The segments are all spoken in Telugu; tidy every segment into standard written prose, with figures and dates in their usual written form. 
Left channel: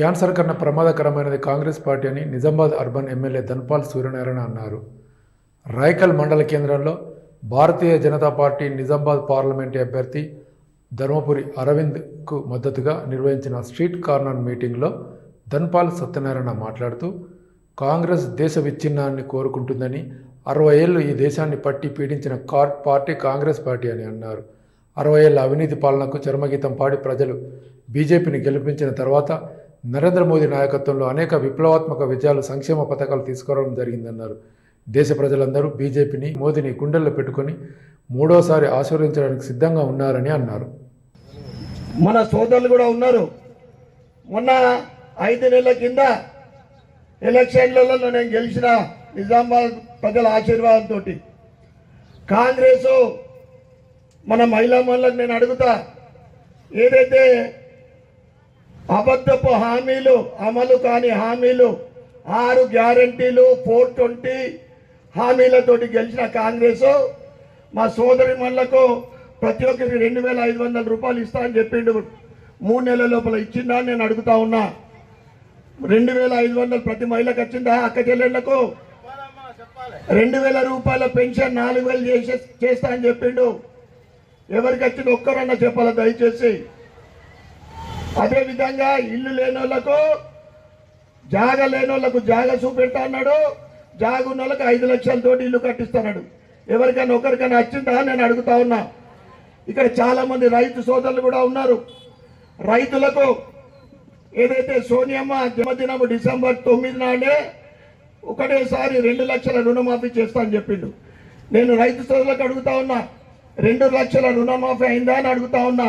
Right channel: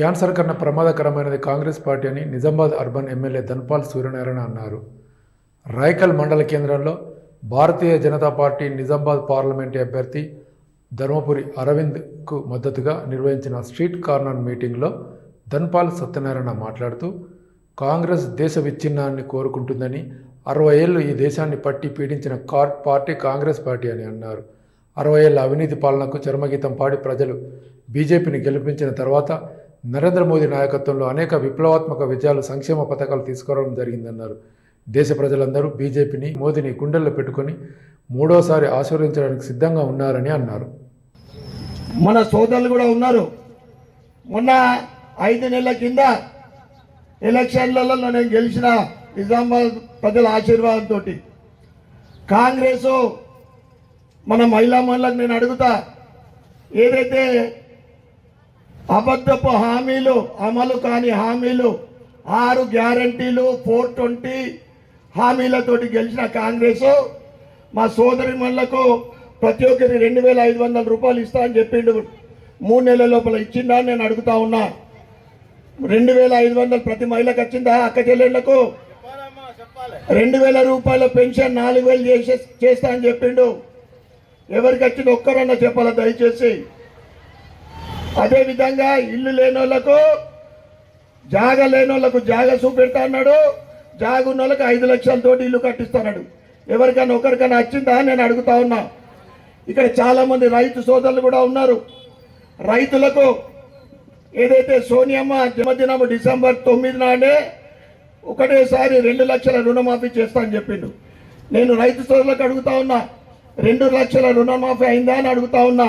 క్యాన్సర్ కన్నా ప్రమాదకరమైనది కాంగ్రెస్ పార్టీ అని నిజామాబాద్ అర్బన్ ఎమ్మెల్యే ధన్పాల్ సూర్యనారాయణ అన్నారు. రాయకల్ మండల కేంద్రంలో భారతీయ జనతా పార్టీ నిజామాబాద్ పార్లమెంటు అభ్యర్థి ధర్మపురి అరవింద్కు మద్దతుగా నిర్వహించిన స్ట్రీట్ కార్నర్ మీటింగ్లో ధన్పాల్ సత్యనారాయణ మాట్లాడుతూ కాంగ్రెస్ దేశ విచ్ఛిన్నాన్ని కోరుకుంటుందని, 60 ఏళ్లు ఈ దేశాన్ని పట్టి పీడించిన పార్టీ కాంగ్రెస్ పార్టీ అని అన్నారు. 60 ఏళ్ల అవినీతి పాలనకు చరమగీతం పాడి ప్రజలు బీజేపీని గెలిపించిన తర్వాత నరేంద్ర మోదీ నాయకత్వంలో అనేక విప్లవాత్మక విజయాలు, సంక్షేమ పథకాలు తీసుకురావడం జరిగిందన్నారు. దేశ ప్రజలందరూ బీజేపీని, మోదీని గుండెల్లో పెట్టుకొని మూడోసారి ఆశీర్వదించడానికి సిద్ధంగా ఉన్నారని అన్నారు. మన సోదరులు కూడా ఉన్నారు. మొన్న 5 నెలల కింద ఎలక్షన్లలో నేను గెలిచిన నిజామాబాద్ ప్రజల ఆశీర్వాదంతో కాంగ్రెస్ మన మహిళా మనులకు నేను అడుగుతా, ఏదైతే అబద్ధపు హామీలు, అమలు కాని హామీలు, 6 గ్యారంటీలు, 420 హామీలతోటి గెలిచిన కాంగ్రెస్ మా సోదరి మనులకు ప్రతి ఒక్కరికి 2500 రూపాయలు ఇస్తా అని చెప్పిండు. 3 నెలల లోపల ఇచ్చిందా అని నేను అడుగుతా ఉన్నా. 2500 ప్రతి మహిళకు వచ్చిందా? అక్క చెల్లెళ్లకు 2000 రూపాయల పెన్షన్ 4000 చేస్తా అని చెప్పిండు. ఎవరికి వచ్చింది ఒక్కరన్నా చెప్పాలా దయచేసి. అదేవిధంగా ఇల్లు లేని వాళ్ళకు, జాగ లేని వాళ్ళకు జాగ చూపెడతా అన్నాడు. జాగ ఉన్న వాళ్ళకి 5 లక్షలతోటి ఇల్లు కట్టిస్తున్నాడు. ఎవరికైనా ఒకరికైనా వచ్చిందా నేను అడుగుతా ఉన్నా. ఇక్కడ చాలా మంది రైతు సోదరులు కూడా ఉన్నారు. రైతులకు ఏదైతే సోనియమ్మ జన్మదినం డిసెంబర్ 9 నాడే ఒకటేసారి 2 లక్షల రుణమాఫీ చేస్తా అని చెప్పిండు. నేను రైతు సోదరులకు అడుగుతా ఉన్నా, 2 లక్షల రుణమాఫీ అయిందా అని అడుగుతా ఉన్నా.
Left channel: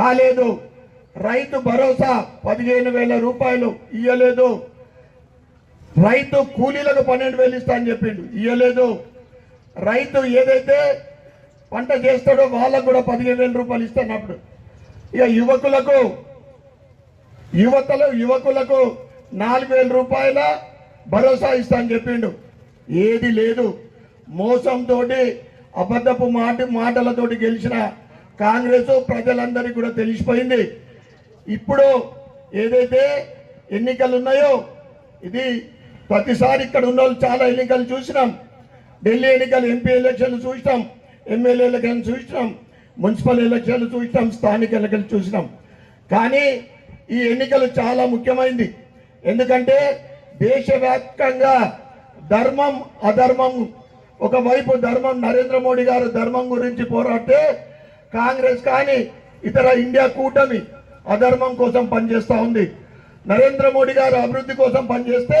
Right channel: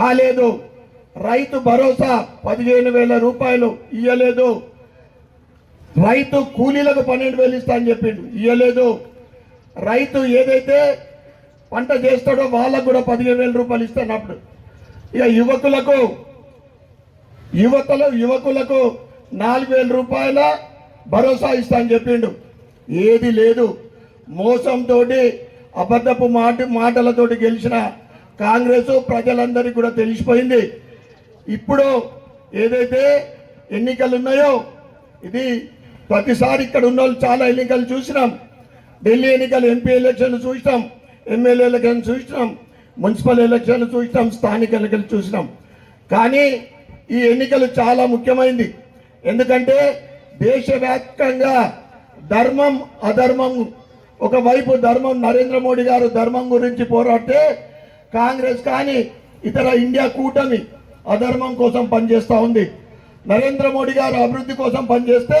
కాలేదు. రైతు భరోసా 15,000 రూపాయలు ఇయ్యలేదు. రైతు కూలీలకు 12,000 ఇస్తా అని చెప్పిండు, ఇయ్యలేదు. రైతు ఏదైతే పంట చేస్తాడో వాళ్ళకు కూడా 15,000 రూపాయలు ఇస్తున్నప్పుడు ఇక యువకులకు 4,000 రూపాయల భరోసా ఇస్తా అని చెప్పిండు. ఏది లేదు. మోసంతో, అబద్ధపు మాటలతోటి గెలిచిన కాంగ్రెస్ ప్రజలందరికీ కూడా తెలిసిపోయింది. ఇప్పుడు ఏదైతే ఎన్నికలు ఉన్నాయో, ఇది ప్రతిసారి ఇక్కడ ఉన్న వాళ్ళు చాలా ఎన్నికలు చూసినాం. ఢిల్లీ ఎన్నికలు, ఎంపీ ఎలక్షన్లు చూసినాం, ఎమ్మెల్యే ఎలక్షన్లు చూసినాం, మున్సిపల్ ఎలక్షన్లు చూసినాం, స్థానిక ఎన్నికలు చూసినాం. కానీ ఈ ఎన్నికలు చాలా ముఖ్యమైనది. ఎందుకంటే దేశవ్యాప్తంగా ధర్మం, అధర్మం, ఒకవైపు ధర్మం, నరేంద్ర మోడీ గారు ధర్మం గురించి పోరాడితే, కాంగ్రెస్ కానీ ఇతర ఇండియా కూటమి అధర్మం కోసం పనిచేస్తూ ఉంది. నరేంద్ర మోడీ గారు అభివృద్ధి కోసం పనిచేస్తే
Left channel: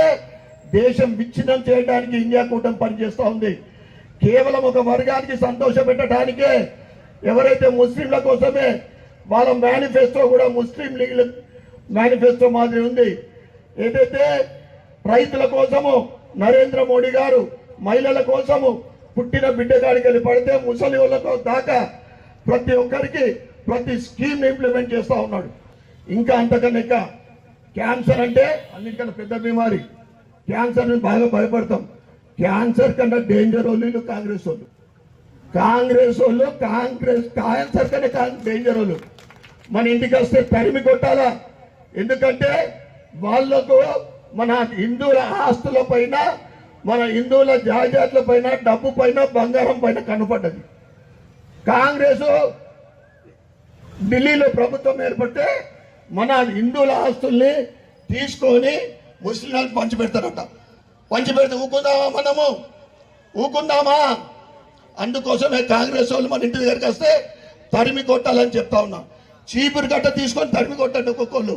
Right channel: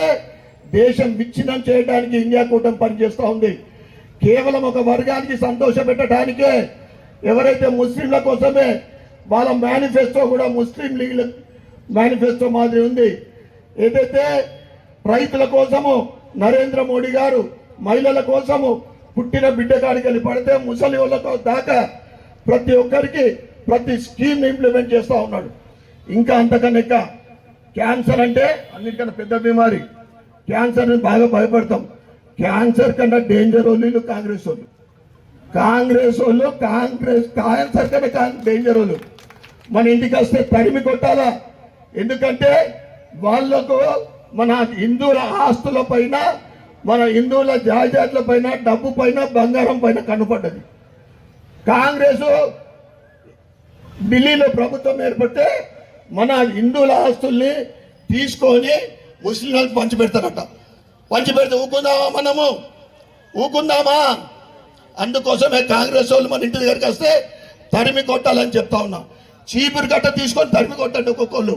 దేశం విచ్ఛిన్నం చేయడానికి ఇండియా కూటమి పనిచేస్తూ ఉంది. కేవలం ఒక వర్గానికి సంతోష పెట్టడానికే, ఎవరైతే ముస్లింల కోసమే, వాళ్ళ మేనిఫెస్టో కూడా ముస్లిం లీగ్ మేనిఫెస్టో మాదిరి ఉంది. ఏదైతే రైతుల కోసము నరేంద్ర మోడీ గారు, మహిళల కోసము పుట్టిన బిడ్డ కాడికి వెళ్ళి పడితే ముసలి వాళ్ళతో దాకా ప్రతి ఒక్కరికి ప్రతి స్కీమ్ ఇంప్లిమెంట్ చేస్తూ ఉన్నాడు. ఇంకా అంతకన్నా క్యాన్సర్ అంటే అన్నిటికన్నా పెద్ద బీమారి. క్యాన్సర్ బాగా భయపడతాం. క్యాన్సర్ కన్నా డేంజర్ వాళ్ళు కాంగ్రెస్ వాళ్ళు. క్యాన్సర్ కన్నా డేంజర్ వాళ్ళు. మన ఇంటికి వస్తే తరిమి కొట్టాలా. ఎందుకంటే వాళ్లకు మన హిందువుల ఆస్తుల పైన, మన హిందువుల జాయిదాదుల పైన, డబ్బు పైన, బంగారం పైన కనపడ్డది. కాంగ్రెస్ ఢిల్లీలో ప్రభుత్వం ఏర్పడితే మన హిందువుల ఆస్తుల్ని తీసుకొని ముస్లింలకు పంచిపెడతారట. పంచిపెడితే ఊకుందామా? మనము ఊకుందామా? అందుకోసమే కాంగ్రెస్ వాళ్ళు మన ఇంటి దగ్గరికి వస్తే తరిమి కొట్టాలని చెప్తా ఉన్నాం. చీపురు గట్ట తీసుకొని తరిమి కొట్టండి ఒక్కొక్కళ్ళు.